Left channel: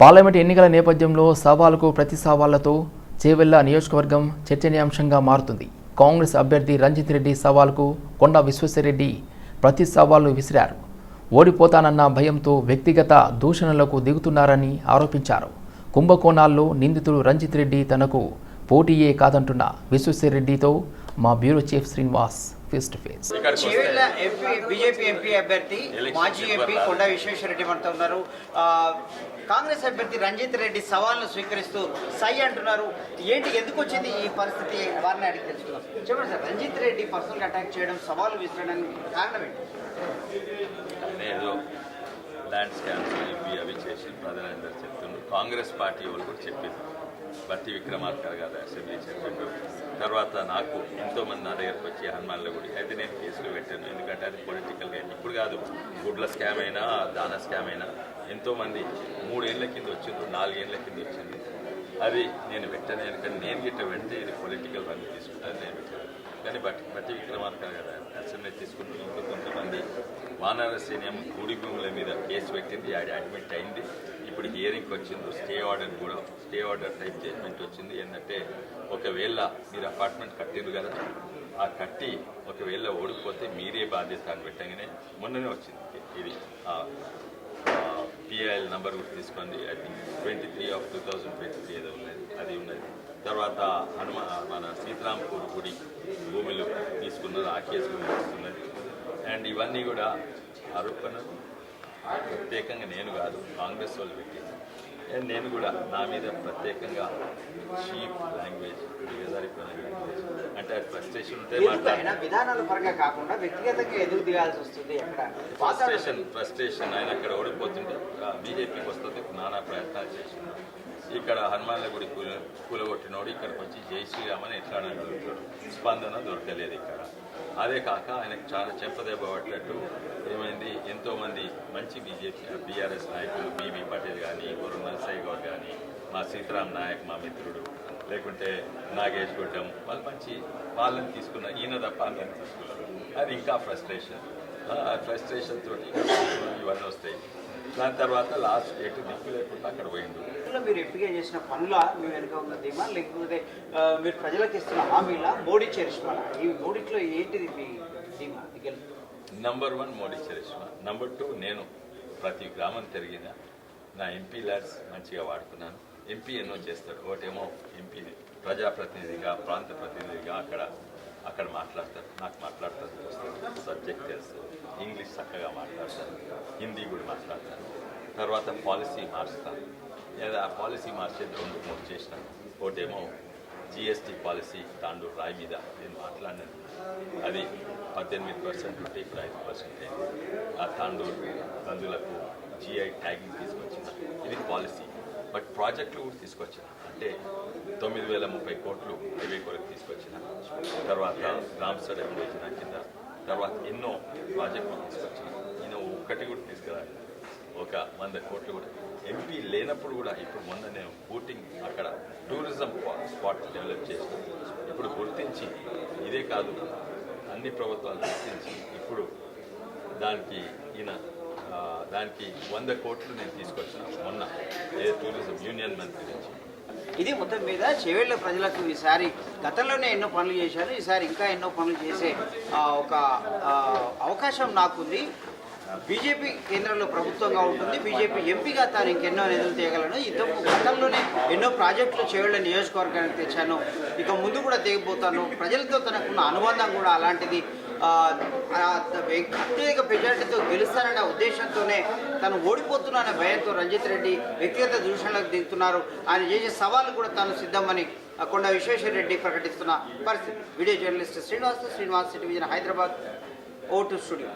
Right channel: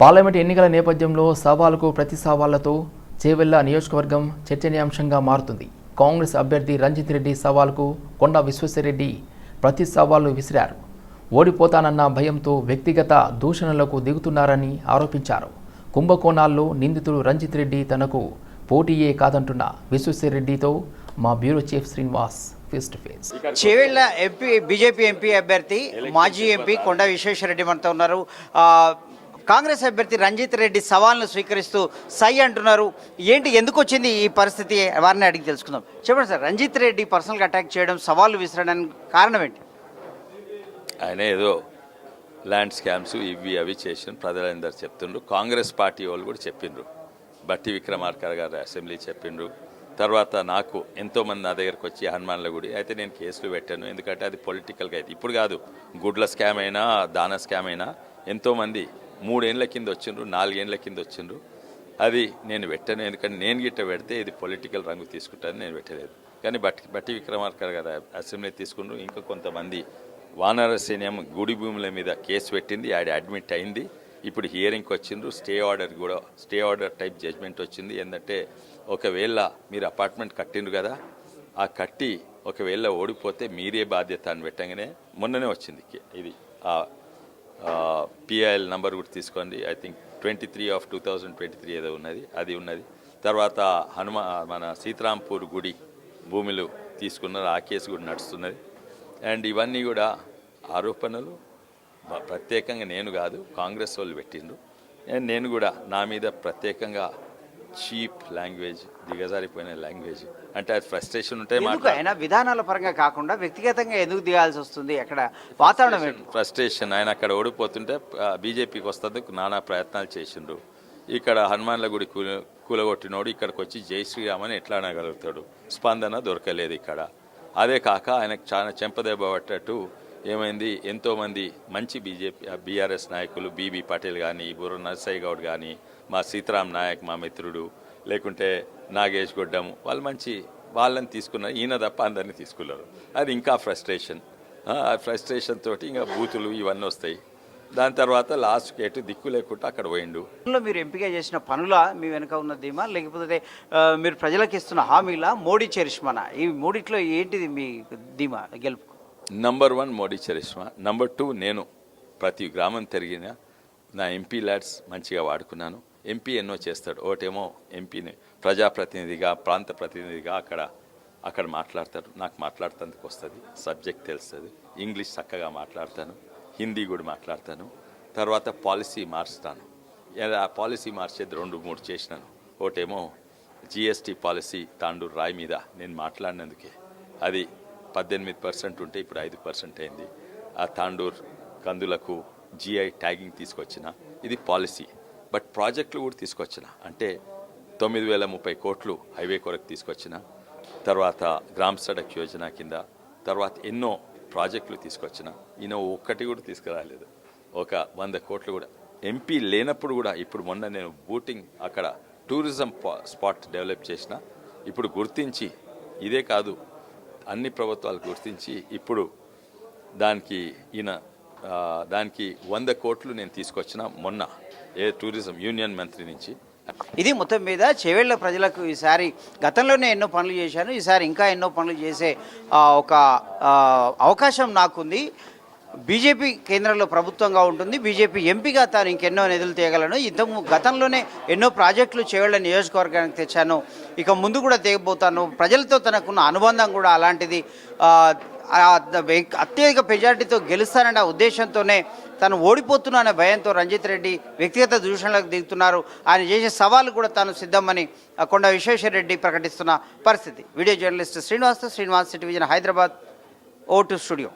Parliament ఎన్నికల నేపథ్యంలో సవాలుకు ప్రతి సవాళ్ళతో చేవెళ్ళ నియోజకవర్గం చర్చనీయాంశంగా మారుతుంది. కాంగ్రెస్ అభ్యర్థి రంజిత్ రెడ్డి సవాల్కు కొండ విశ్వేశ్వరరెడ్డి ప్రతి సవాళ్ళు విసిరారు. ఓడిపోతానన్న భయంతో వ్యక్తిగత దూషణలకు దిగుతున్నారని ఆరోపించారు. కుంభకోణాల్లో నిందితుడు రంజిత్ రెడ్డి తనకు పోటీయే కాదంటున్న విశ్వేశ్వరరెడ్డితో మా bureau chief Srinivas face to face. Chevella MP BJP MP అభ్యర్థి మాజీ ఎంపీ కొండ విశ్వేశ్వరరెడ్డి మనతో ఉన్నారు. కాంగ్రెస్ అభ్యర్థి రంజిత్ రెడ్డి సవాల్ను స్వీకరిస్తూ సై అంటున్నారు. ఏంటి ఎందుకు వచ్చింది ఈ పరిస్థితి? వారిని అడిగి తెలుసుకుందాం. చెప్పండి సార్ రంజిత్ రెడ్డి పర్సనల్గా అటాక్ చేయడం సవాళ్ళు విసరడానికి కారణం ఏంటి? ఆయన ఏదో ల్యాండ్ స్కామ్స్ ఇవి అవి చేసిన ప్రజలందరూ చెప్తుండ్రు. కాంగ్రెస్ పార్టీ వాళ్ళు కూడా చెప్పిండ్రు. బట్టి విక్రమార్కర్ గారు అసెంబ్లీ చెప్పిండు తర్వాత నాకు ఎంతోమంది నా దగ్గరకు వచ్చి హనుమాన్ల గుడి అయితే నేను కేసులు పెట్టాను. ఎందుకంటే అది పొలిటికల్గా అయితే ఇప్పుడు కాదు గుడ్ల స్కామ్ అయినా దాన స్కామ్ అయినా ఎంతోమంది మూడేళ్ళ కింద వచ్చిండ్రు నాలుగేళ్ళ కింద వచ్చిండ్రు. అది నేను పెట్టాను. ఎందుకంటే నేను గిట్ట పెడితే ఇది పొలిటికల్ రంగు తీసుకుంటాను నేను పెట్టేది కానీ బట్టి బట్టి విక్రమార్కర్ గారు అసెంబ్లీ తీసుకున్నారు ఇంకా కొంతమంది వానరసేన్యం గుడి భూముల మీద కేసు పెట్టింది. ఆడ అడ్మిట్ అయింది. ఇప్పుడు హియరింగ్కి వచ్చిండ్రు స్టే ఆర్డర్ కూడా స్టే ఆర్డర్ టైప్ జడ్జ్మెంట్ వచ్చింది. ఏంటంటే ఒకవేళ మీరు అపార్ట్మెంట్ కట్టిండ్రు కదా ఆ కట్టి ఒకవేళ ఓడిపోతే మీరే బాధ్యత అని పెట్టగానే మొన్ననే వచ్చింది ఇది. ఆ పిఐఎల్ నంబర్ కూడా తీసుకోండి. I think twenty three of two thousand twenty three ఏదో ఉన్నది అది ఉన్నది. తర్వాత హనుమ మన సీతారాంపూర్ గుడి భూములు తీసుకున్నది ఆ కేసు కూడా నడుస్తున్నది. అండ్ ఇవన్నీ కూడా ఆరోపణలు ప్రత్యేకంగా నేను కాదు కాంగ్రెస్ వాళ్ళు పెట్టింది. అండ్ నేను కూడా నా మీద ప్రత్యేకంగా చీప్ లాంగ్వేజ్ దిగజారిపోయిన లాంగ్వేజ్. అంటే అది ఫ్రస్ట్రేషన్ ఉంటే ఆయన విధానాల పరంగా కాకుండా వ్యక్తిగతంగా ఎందుకు దిగాల్సి వస్తుంది? అక్కడ వాతావరణం ఫ్రస్ట్రేషన్ ఆయన అక్కడ ఓడిపోతుంటే బీజేపీకి వస్తుంది నానా ప్రయత్నాలు చేసిండు. ఇక్కడ హనుమాన్ల గుడి కూల కూలగొట్టినోడు ఇక్కడికి వచ్చి జై శ్రీరామ్ అని ఎట్లా అనగలుగుతాడు? స్పందన దొరకలేదు ఇక్కడ. అదే కాక ఆయనకు చాలా చెంపదెబ్బ ఏమైంది? ఎంతోమంది మంచి బీజేపీ బీఆర్ఎస్ నాయకులు బీబీ పటేల్ కానీ బుర్ర నర్సయ్య గౌడ్ కానీ మా సీతారాం నాయక్ మా మిత్రుడు లేకుంటే నాగేష్ గొడ్డం వాళ్ళు మంచి వాళ్ళని తీసుకున్నారు ఈయన తప్ప అందరినీ తీసుకున్నారు. అది ఇంకా ఫ్రస్ట్రేషన్. ఆ ఫ్రస్ట్రేషన్ తోటి ఇంకా బూతులు ఇవన్నీ వస్తాయి. దాని తర్వాత లాస్ట్ ఎటు దిక్కు లేకుండా అక్కడ పోయిండు. మీరు ఎంపిక చేసిన పనుల మీ వెనుక ఉన్న ధీమా? లేకపోతే మీరు ప్రజలకు ఇస్తున్న హామీలా? మోడీ చరిష్మానా? ఈ మూడిట్లో ఏంటిది మీ ధీమా గెలుపు? Number one Modi charisma. Number two నేను ప్రతి గ్రామం తిరిగిన నా ఎంపీ ల్యాడ్స్ మంచిగా వాడుకున్నాను. ఎంపీ ఎన్నో చేస్తాడు. ఒకటేమో ఎంపీని ప్రజాప్రతినిధిగా ప్రాంత ప్రతినిధిగా అక్కడ అక్కడ మాట్లాడతాడు నాకు మాట్లాడటానికి వస్తుంది సబ్జెక్ట్ తెలుస్తుంది. ఇంగ్లీష్ చక్కగా మాట్లాడతాను హిందీ కూడా మాట్లాడతాను. తర్వాత పాలసీ మార్చుతాను. ఏదో ఆ పాలసీ మార్చేది రెండు మూడు చేసినాను. ఒకటేమో జిఎస్టీ పాలసీ తాండూరు రాయి మీద నేను మాట్లాడినందుకు. అది పద్దెనిమిది పర్సెంట్ ఉంటే ఇప్పుడు ఐదు పర్సెంట్ అయింది. ఆ తాండూర్ కందులకు జిఐ ట్యాగింగ్ తీసుకొచ్చిన. ఇది పాలసీ బట్ ప్రాజెక్టులు కూడా తీసుకొచ్చిన. అంటే తొమ్మిది వేల ముప్పై కోట్లు హైవే కొరకు తీసుకొచ్చిన తర్వాత గ్రామ్ సడక్ యోజన కింద తర్వాత ఎన్నో ప్రాజెక్టులు తీసుకొచ్చిన. ఈయన ఒక్కటి కూడా తీసుకురాలేదు. ఒక వంద కోట్లు కూడా. ఎంపీ లేనప్పుడు కూడా ఇప్పుడు మొన్న నేను బూటింగ్ అక్కడ టూరిజం స్పాట్ డెవలప్ చేసిన. ఇప్పుడు గుర్తించి ఇదే కాదు అన్ని ప్రభుత్వాలు గుర్తించి ఇప్పుడు దానికి ఈయన దానికి వంద కోట్లు నేను తీసుకొచ్చిన మొన్న ఏ టూరిజం యూనియన్ మంత్రి నుంచి. ఇది మొత్తం మీద చేవేళ్ళ ప్రజలకు ఈసారి గతంలోనే ఎన్నో పనులు చేశాను ఈసారి ఇంకా ఎన్నో పనులు చేసే ఒక అవకాశం నాకుంది. బీజేపీ కేంద్రంలో ప్రభుత్వంగా ఉంటుంది బీజేపీ ఎంపీగా తాను ఇంకెన్నో నిధులు తీయగలను ఇంత గతంలోనే ఎన్నో ప్రాజెక్టులు చేవేళ్ళ నియోజకవర్గానికి తెచ్చాను. ఇక ముందు కూడా తీయబోతాను ప్రజలతో తనకున్న అనుబంధం కూడా అలాంటిది. అత్యధిక మెజార్టీతో గెలుస్తానన్న ఉద్దేశంతోనే తను ఓడిపోతున్న భయంతో రంజిత్ రెడ్డి వ్యక్తిగత దూషణలకు దిగుతున్నారు. ఆయన చేసే సవాలు కూడా తాను సిద్ధమని కొండ విశ్వేశ్వర రెడ్డి ప్రకటిస్తున్న పరిస్థితి. Video journalist Srinivas Srinivas television Hyderabad oh to studio.